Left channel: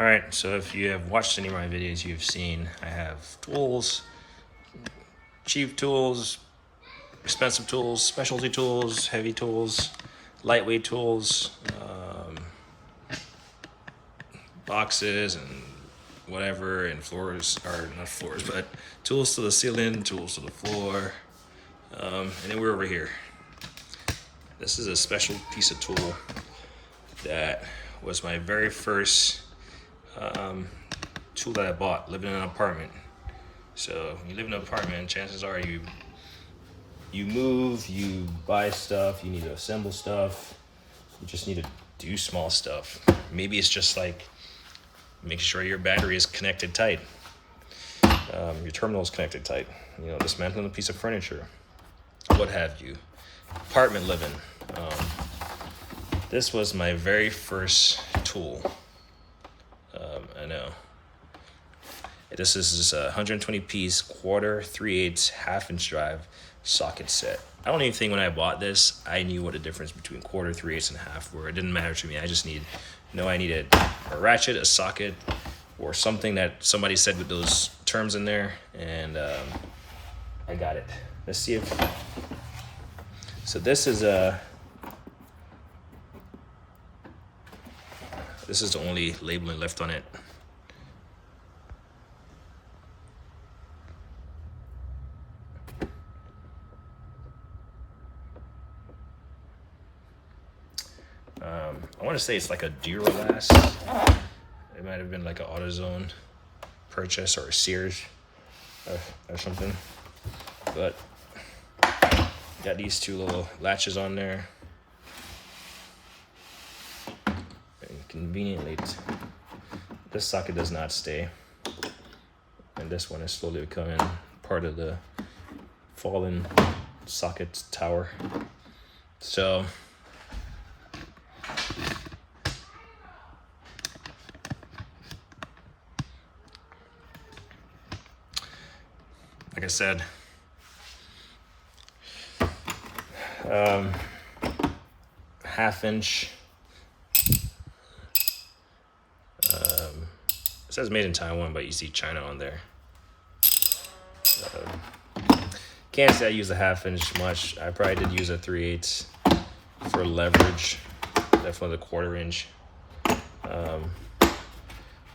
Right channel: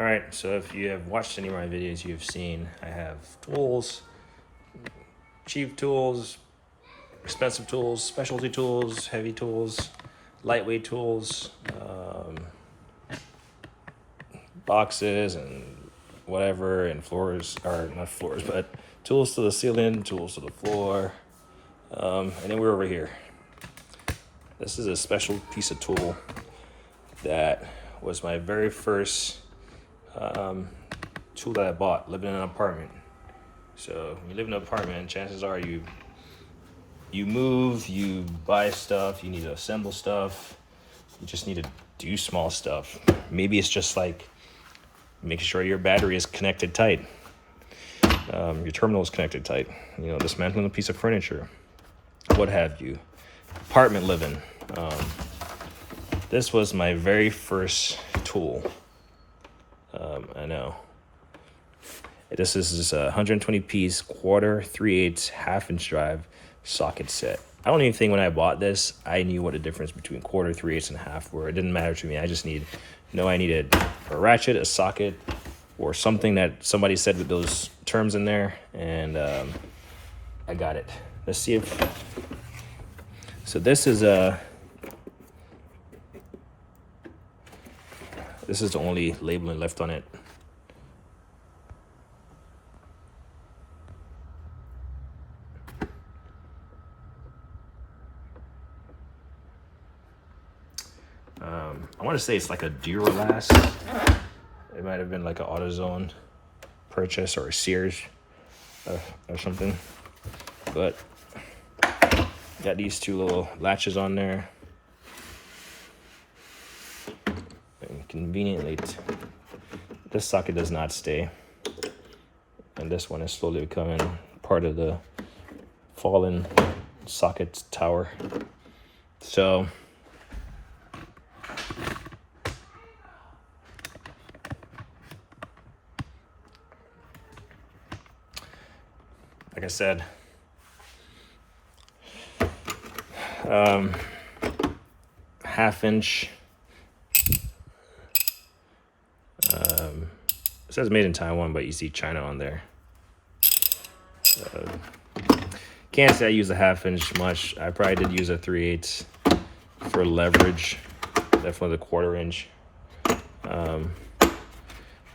All right, so if you have watched any of my videos, you've seen I have tools, cheap tools, expensive tools, specialty tools, heavy tools, lightweight tools, boxes and whatever, and floors, or not floors, but tools to the ceiling, tools to the floor, and then we're over here. This is a special piece of tool that was my very first tool that I bought living in an apartment. So when you live in an apartment, chances are you move, you buy stuff, you need to assemble stuff, you just need to do small stuff. Maybe it's just like making sure your battery is connected tight, your terminal is connected tight, dismantling a piece of furniture, what have you. Apartment living. This was my very first tool. I know. This is just a 120 piece quarter, 3/8, half-inch drive socket set. I don't even think when I bought this, I knew what the difference between quarter, 3/8, and half were. It didn't matter to me. I just I needed a ratchet, a socket, or something that somebody said with those terms in there, and I got it. Let's see if. So this is the only labeling left on it. I want to say it's like a Duralast. It might have been like an AutoZone purchase or a Sears or something. But got these two little latches on there. And conveniently, this socket does not stay. And this one is slowly becoming part of the fallen socket tower. So like I said, half-inch. It says made in Taiwan, but you see China on there. Can't say I use a half-inch much. I probably did use a 3/8 for leverage. Definitely the 1/4 inch. I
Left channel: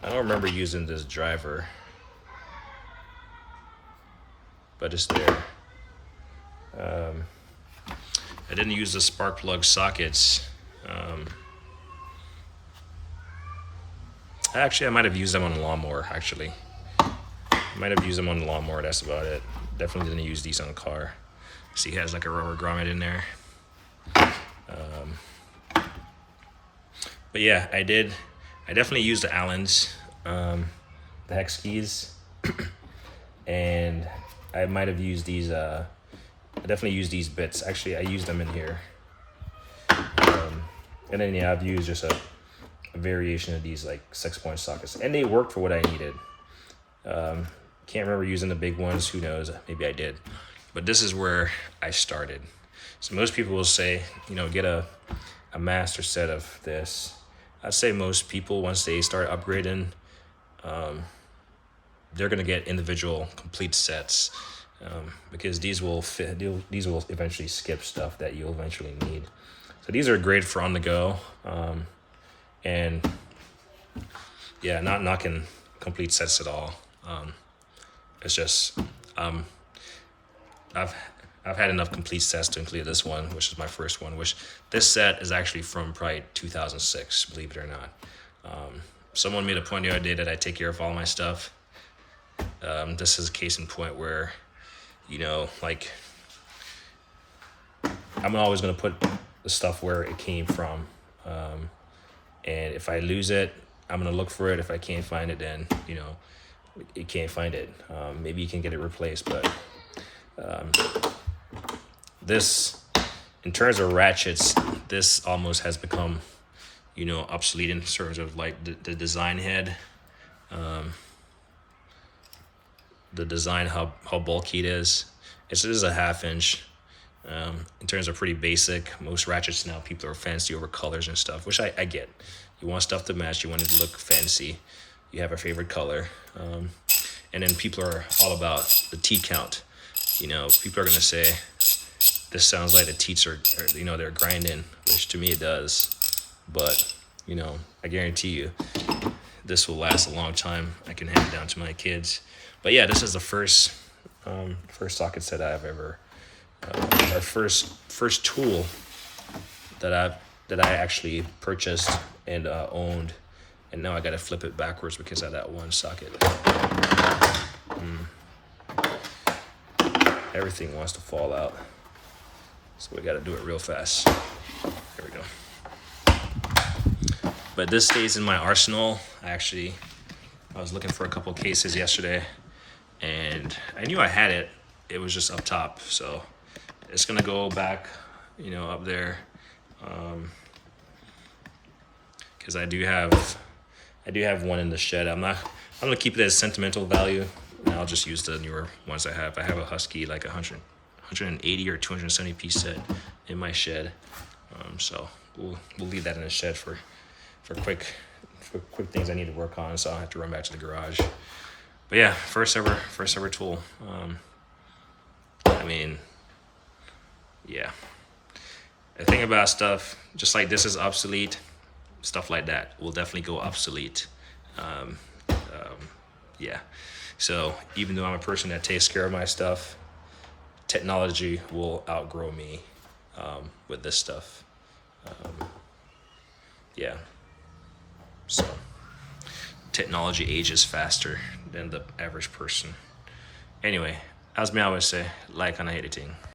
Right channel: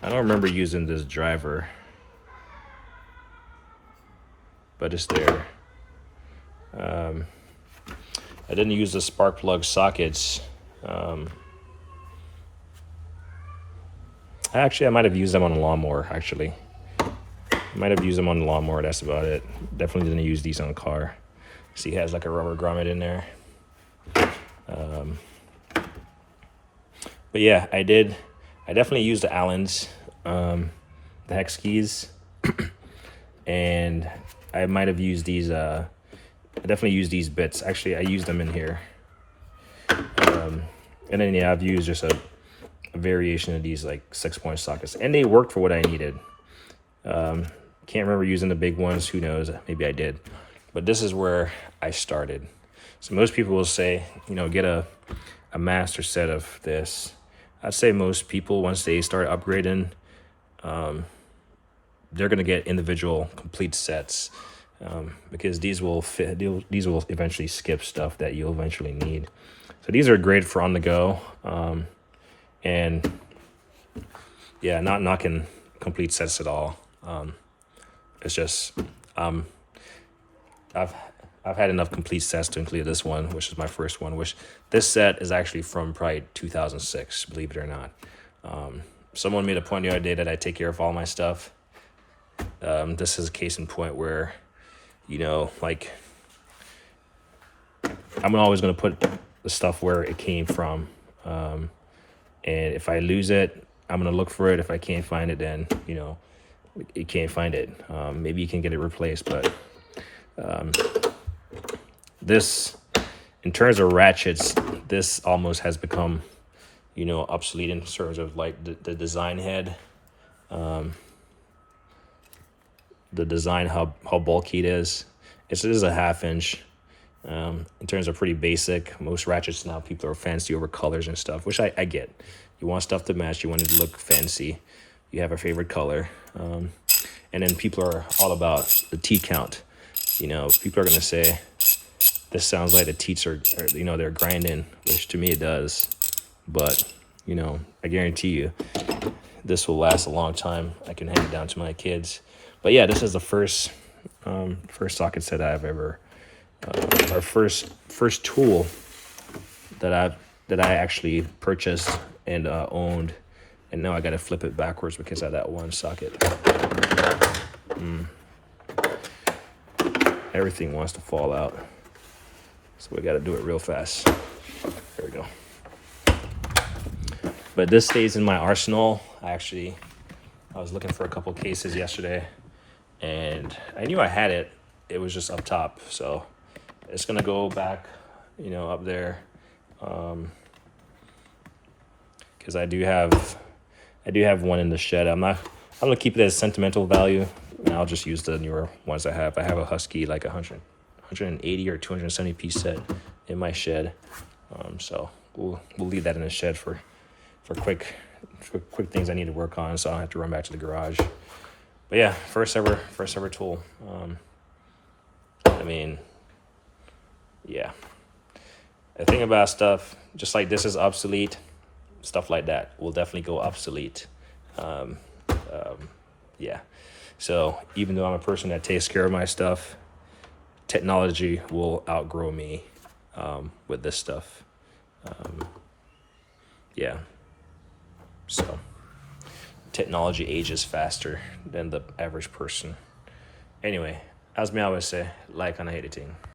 don't remember using this driver, but it's there. I didn't use the spark plug sockets. Actually, I might have used them on the lawnmower, actually. That's about it. Definitely didn't use these on the car. See, it has like a rubber grommet in there. But yeah, I definitely used the Allens, the hex keys. And I might have used these, I definitely used these bits. Actually, I used them in here. And then, yeah, I've used just a variation of these like 6-point sockets. And they worked for what I needed. Can't remember using the big ones. Who knows? Maybe I did. But this is where I started. So most people will say, get a master set of this. I'd say most people, once they start upgrading, they're going to get individual complete sets, because these will eventually skip stuff that you'll eventually need. So these are great for on the go, and yeah, not knocking complete sets at all. It's just I've had enough complete sets to include this one, which is my first one. Which this set is actually from probably 2006, believe it or not. Someone made a point the other day that I take care of all my stuff. This is a case in point where, like, I'm always going to put the stuff where it came from. And if I lose it, I'm going to look for it. If I can't find it, then, you can't find it. Maybe you can get it replaced, but this, in terms of ratchets, this almost has become, obsolete in terms of like the design head. The design, how bulky it is. It is a 1/2 inch. In terms of pretty basic. Most ratchets now, people are fancy over colors and stuff, which I get. You want stuff to match. You want it to look fancy. You have a favorite color. And then people are all about the teat count. You know, people are going to say, this sounds like the teats are, you know, they're grinding, which to me it does. But, you know, I guarantee you, this will last a long time. I can hand it down to my kids. But yeah, this is the first socket set I've ever, our first tool that I actually purchased and owned. And now I gotta flip it backwards because of that one socket. Everything wants to fall out. So we gotta do it real fast. There we go. But this stays in my arsenal. I was looking for a couple cases yesterday and I knew I had it. It was just up top. So it's gonna go back, you know, up there. Cause I do have one in the shed. I'm gonna keep it as sentimental value, and I'll just use the newer ones I have. I have a Husky like 180 or 270 piece set in my shed. So we'll leave that in the shed for quick things I need to work on, so I don't have to run back to the garage. But yeah, first ever tool. I mean, yeah. The thing about stuff just like this is obsolete. Stuff like that will definitely go obsolete. Yeah. So even though I'm a person that takes care of my stuff, technology will outgrow me with this stuff. Yeah. So technology ages faster than the average person. Anyway, as me always say, like on editing.